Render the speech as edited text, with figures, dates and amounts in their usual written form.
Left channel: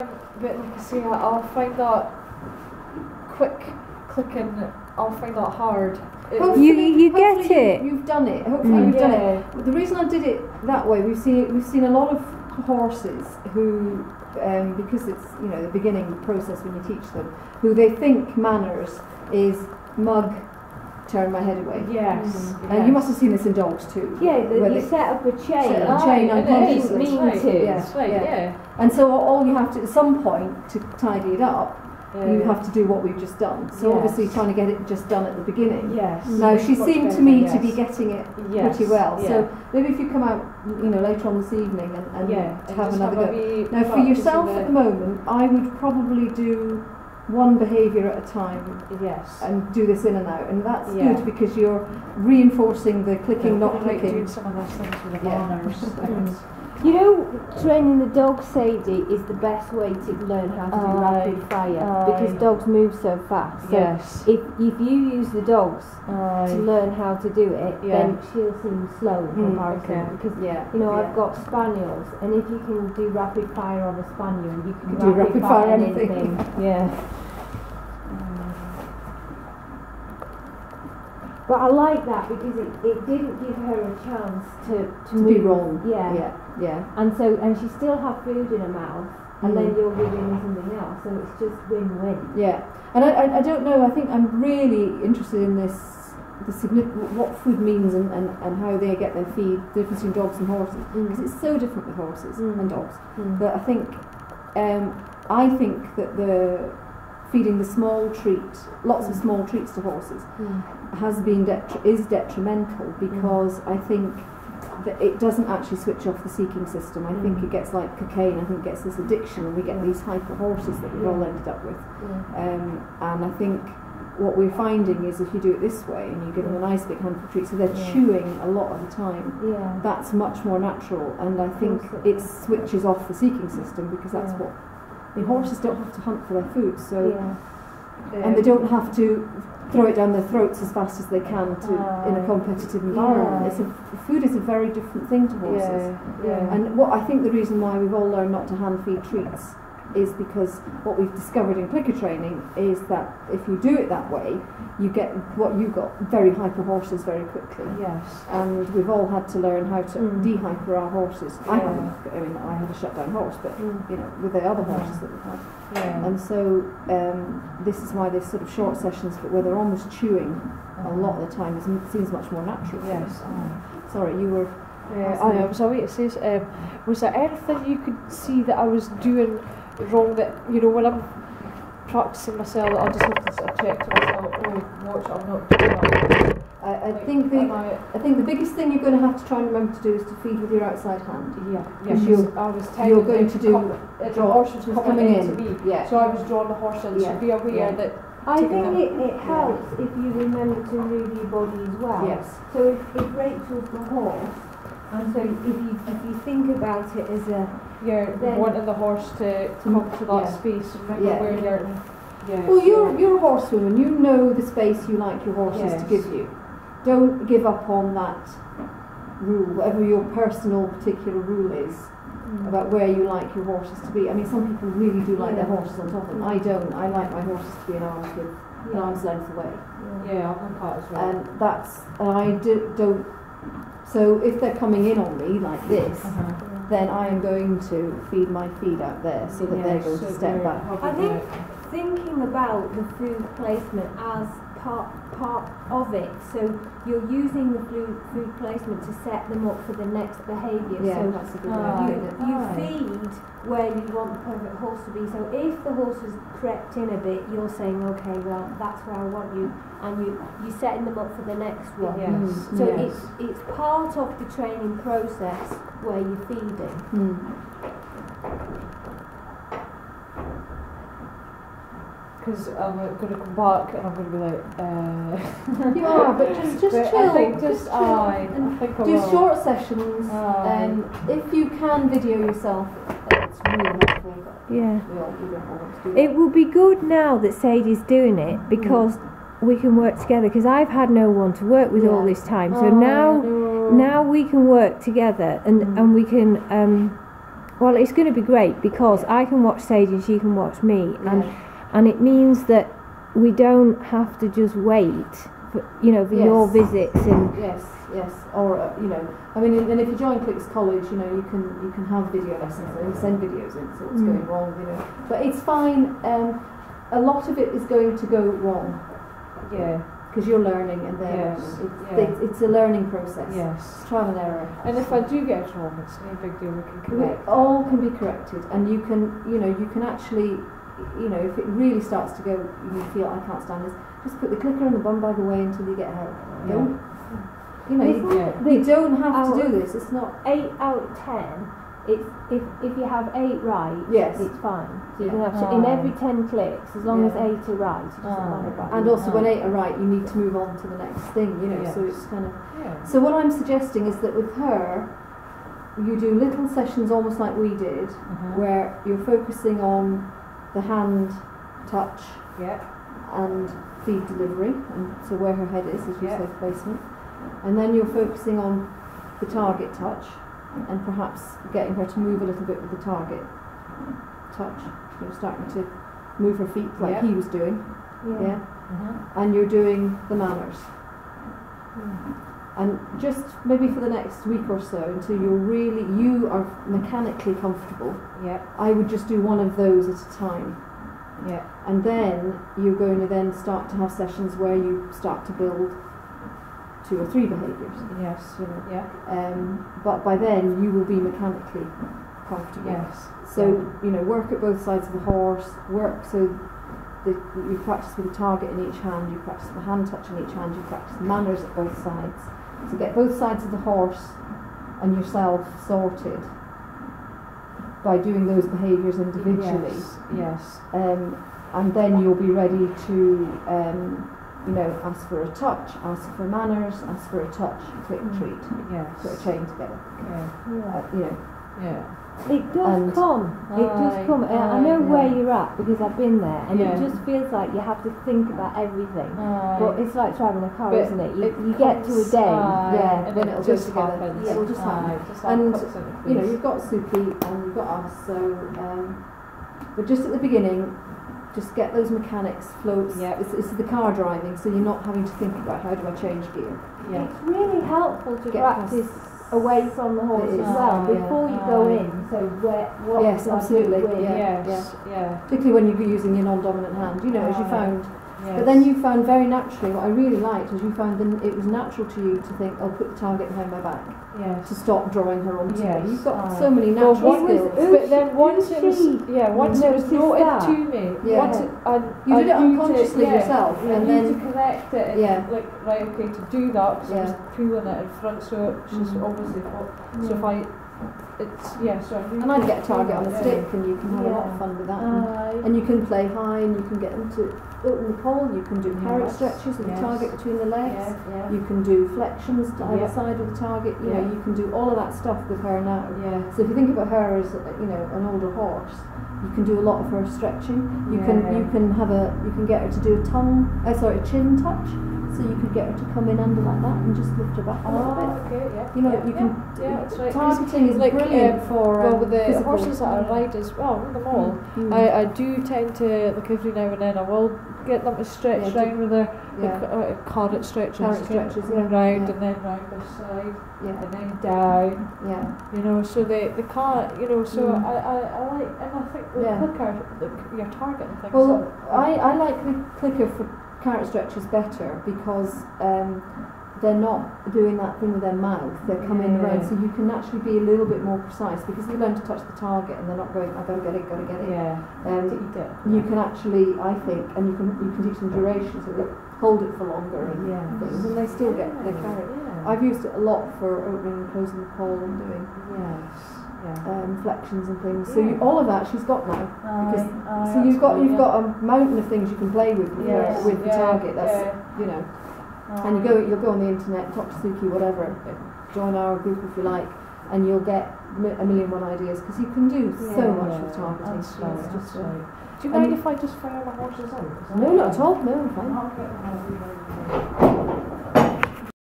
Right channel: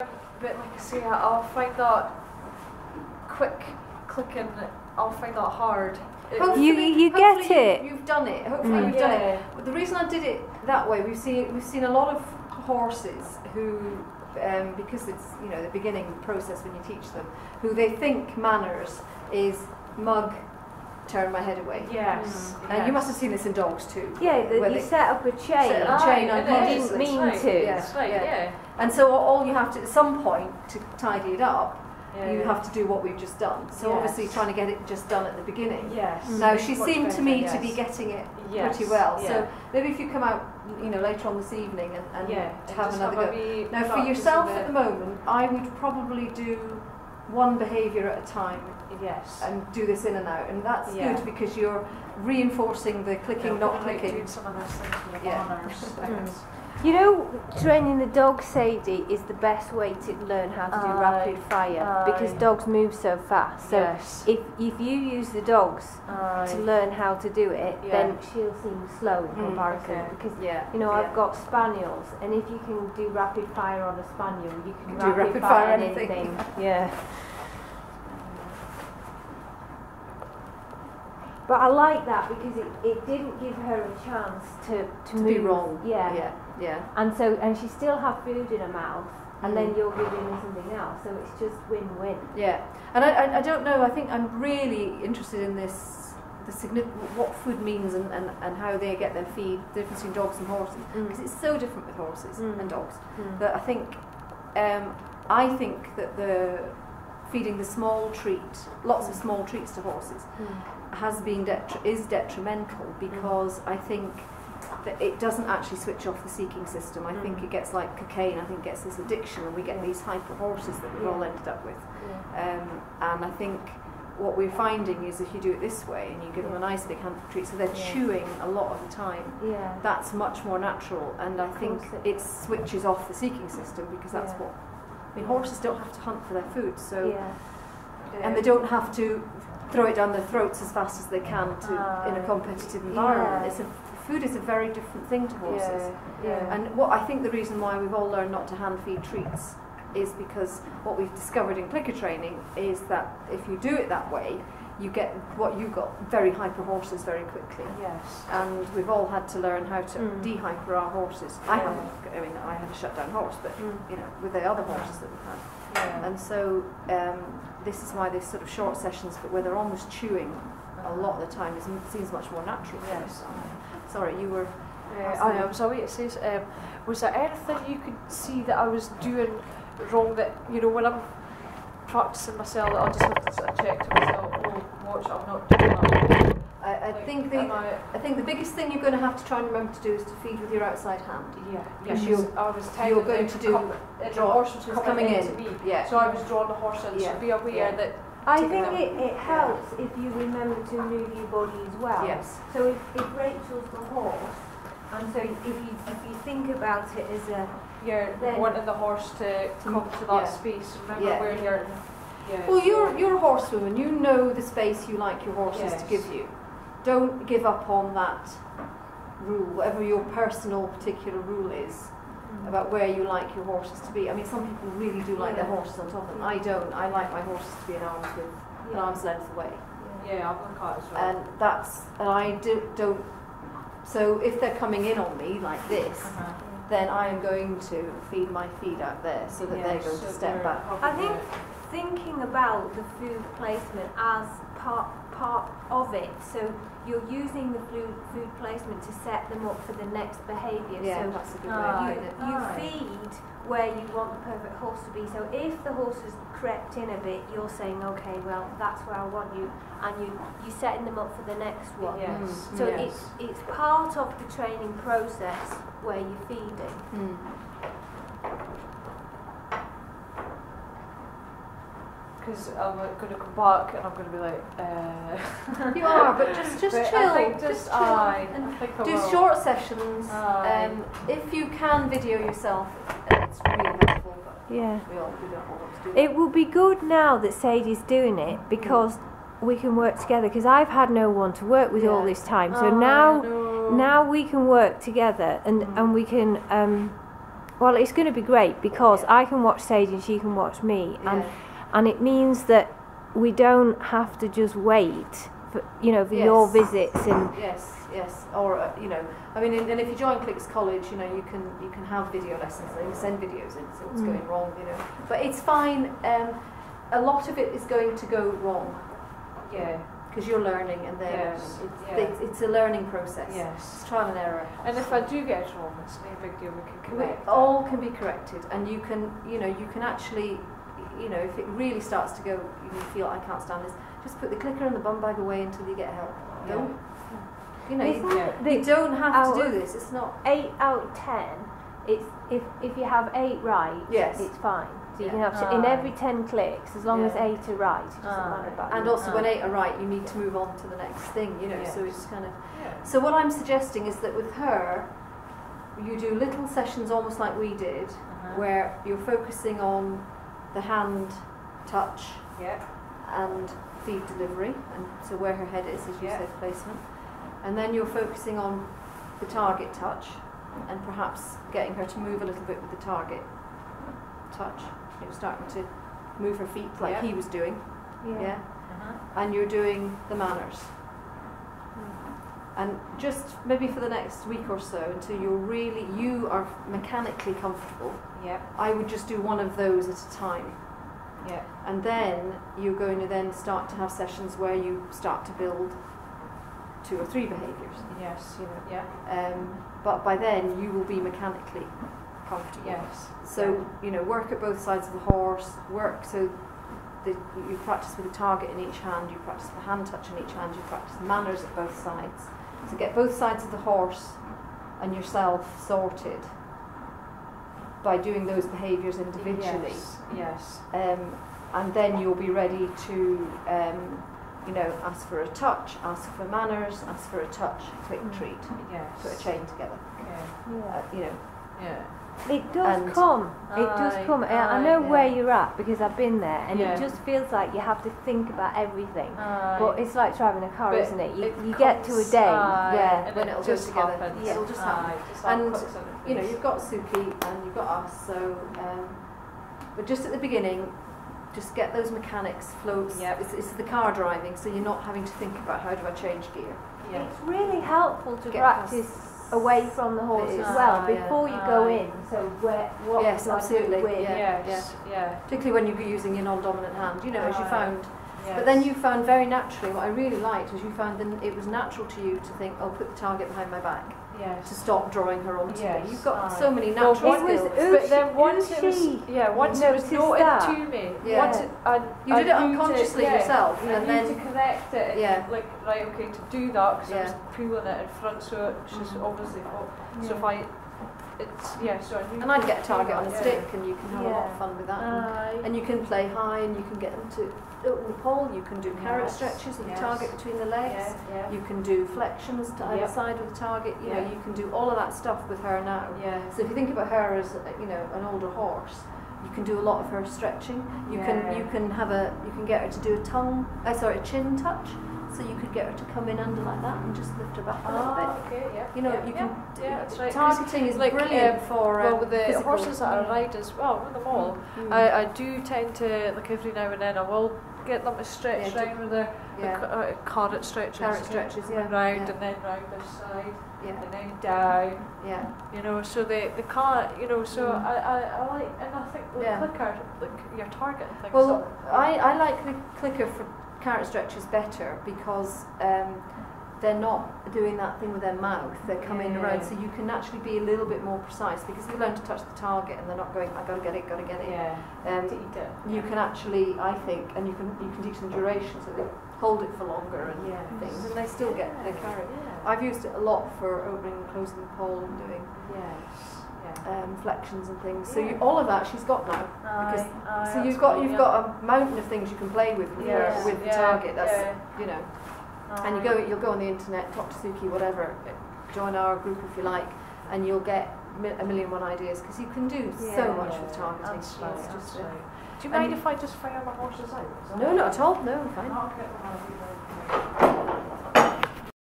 But like I say, I'll find that quick clicking, I'll find that hard. You get it. You've done it. Hopefully you've done it. The reason I did it that way, we've seen a lot of horses who, because it's the beginning process when you teach them, who they think manners is mug, turn my head away. Yes. And you must have seen this in dogs too. Yeah, you set up a chain. Set up a chain unconsciously. Mean to. Yeah. And so all you have to, at some point, to tidy it up, you have to do what we've just done. So obviously trying to get it just done at the beginning. Yes. Now she seemed to me to be getting it pretty well. Yeah. So maybe if you come out, later on this evening and have another go. Now for practice yourself at the moment, I would probably do one behaviour at a time. Yes. And do this in and out, and that's good because you're reinforcing the clicking, not clicking. Doing some of those things with the manners. Training the dog, Sadie, is the best way to learn how to do rapid fire because dogs move so fast. So if you use the dogs to learn how to do it, then she'll seem slow in comparison. Because I've got spaniels, and if you can do rapid fire on a spaniel, you can do rapid fire anything. But I like that because it didn't give her a chance to be wrong. Yeah. And she still had food in her mouth, and then you're giving her something else, so it's just win-win. Yeah, and I don't know. I think I'm really interested in this, what food means and how they get their feed, the difference between dogs and horses, because it's so different with horses and dogs. But I think that the feeding the small treat, lots of small treats to horses, is detrimental because I think that it doesn't actually switch off the seeking system. I think it gets like cocaine. I think it gets this addiction, and we get these hyper horses that we've all ended up with. And I think what we're finding is if you do it this way and you give them a nice big handful of treats, so they're chewing a lot of the time. That's much more natural, and I think it switches off the seeking system because that's what. I mean, horses don't have to hunt for their food, so and they don't have to throw it down their throats as fast as they can in a competitive environment. Food is a very different thing to horses. And what I think the reason why we've all learned not to hand feed treats is because what we've discovered in clicker training is that if you do it that way, you get what you got, very hyper horses very quickly. And we've all had to learn how to de-hyper our horses. I had a shutdown horse, but with the other horses that we've had. And so this is why there's sort of short sessions, but where they're almost chewing a lot of the time, seems much more natural. Sorry, you were. I was away. It says, was there anything you could see that I was doing wrong? That when I'm practicing myself, that I'll just have to sort of check to myself. Oh, watch! I'm not doing that wrong. I think the biggest thing you're going to have to try and remember to do is to feed with your outside hand. Because you're going to do the horse was coming in to me. So I was drawing the horse in. So be aware that. I think it helps if you remember to move your body as well. So if Rachel's the horse, and so if you think about it as a wanting the horse to come to that space, remember where you're. Well, you're a horsewoman. You know the space you like your horses to give you. Don't give up on that rule, whatever your personal particular rule is about where you like your horses to be. I mean, some people really do like their horses on top of them. I don't. I like my horses to be an arm's length away. Yeah, I've got cat as well. And I don't. So if they're coming in on me like this, then I am going to feed my feed out there so that they're going to step back. I think thinking about the food placement as part of it, so you're using the food placement to set them up for the next behaviour. So that's a good way. You feed where you want the perfect horse to be. So if the horse has crept in a bit, you're saying, okay, well, that's where I want you, and you're setting them up for the next one. So it's part of the training process where you're feeding. Because I'm going to come back and I'm going to be like, You are, but just chill. I think just chill. I think I do will. short sessions. If you can video yourself, it's really helpful. But we don't all want to do that. It will be good now that Sadie's doing it because we can work together. Because I've had no one to work with all this time, so now we can work together and we can. Well, it's going to be great because I can watch Sadie and she can watch me, and it means that we don't have to just wait for your visits and yes, or I mean, and if you join Clicks College, you can have video lessons and send videos in, so what's going wrong, but it's fine. A lot of it is going to go wrong, because you're learning and they're learning. It's a learning process. Yes, it's trial and error. And if I do get it wrong, it's no big deal. We can correct it. All can be corrected, and you can actually. If it really starts to go, you feel I can't stand this, just put the clicker and the bum bag away until you get help. Don't, you don't have to do this. It's not 8 out of 10. It's if you have 8 right, it's fine. So you can have in every 10 clicks, as long as 8 are right, it doesn't matter about. And also when 8 are right, you need to move on to the next thing. So it's kind of. So what I'm suggesting is that with her, you do little sessions almost like we did, where you're focusing on the hand touch and feed delivery, and so where her head is, as you said, placement, and then you're focusing on the target touch and perhaps getting her to move a little bit with the target touch, starting to move her feet like he was doing, and you're doing the manners. And just maybe for the next week or so, until you are mechanically comfortable, I would just do one of those at a time. And then you're going to then start to have sessions where you start to build 2 or 3 behaviours. But by then you will be mechanically comfortable. So work at both sides of the horse. Work so that you practice with a target in each hand. You practice with a hand touch in each hand. You practice manners at both sides. So get both sides of the horse and yourself sorted by doing those behaviours individually. And then you'll be ready to, ask for a touch, ask for manners, ask for a touch, click, treat, put a chain together. It does come. I know where you're at because I've been there, and it just feels like you have to think about everything. But it's like driving a car, isn't it? You get to a day, and then it'll just happen. It'll just happen. And you've got Suki and you've got us. So, but just at the beginning, just get those mechanics floats. It's the car driving, so you're not having to think about how do I change gear. It's really helpful to practice away from the horse as well before you go in. So what absolutely. Particularly when you're using your non-dominant hand, as you found. But then you found very naturally, what I really liked was you found that it was natural to you to think, I'll put the target behind my back to stop drawing her onto me. You've got so many natural skills. But then once it was noted to me, you did it unconsciously yourself, and then to connect it, to do that, because I was pulling it in front, so she's obviously so if I. And I'd get a target on a stick, and you can have a lot of fun with that. And you can play high, and you can get them to open the pole. You can do carrot stretches with the target between the legs. You can do flexions to either side with the target. You can do all of that stuff with her now. So if you think about her as an older horse, you can do a lot of her stretching. You can get her to do a chin touch. So you could get her to come in under like that and just lift her back a little bit. That's right. Targeting is brilliant for with the physical. horses that I ride as well, with them all. I do tend to, every now and then I will get them to stretch round with their carrot stretches. Carrot stretches, round and then round this side, and then down. So the car, so I like, and I think the clicker, your target and things. Well, I like the clicker for carrot stretches better because they're not doing that thing with their mouth, they're coming around, so you can actually be a little bit more precise because they learn to touch the target and they're not going, I've got to get it, you can actually, I think, and you can teach them duration, so they hold it for longer and things, and they still get their carrot. I've used it a lot for opening and closing the pole and doing flexions and things. So all of that she's got now. So you've got a mountain of things you can play with the target. That's and you'll go on the internet, talk to Suki, whatever, join our group if you like, and you'll get a million one ideas because you can do so much with targeting. That's right. Do you mind if I just fire my horses out? No, not at all. No, fine. I'll get them out.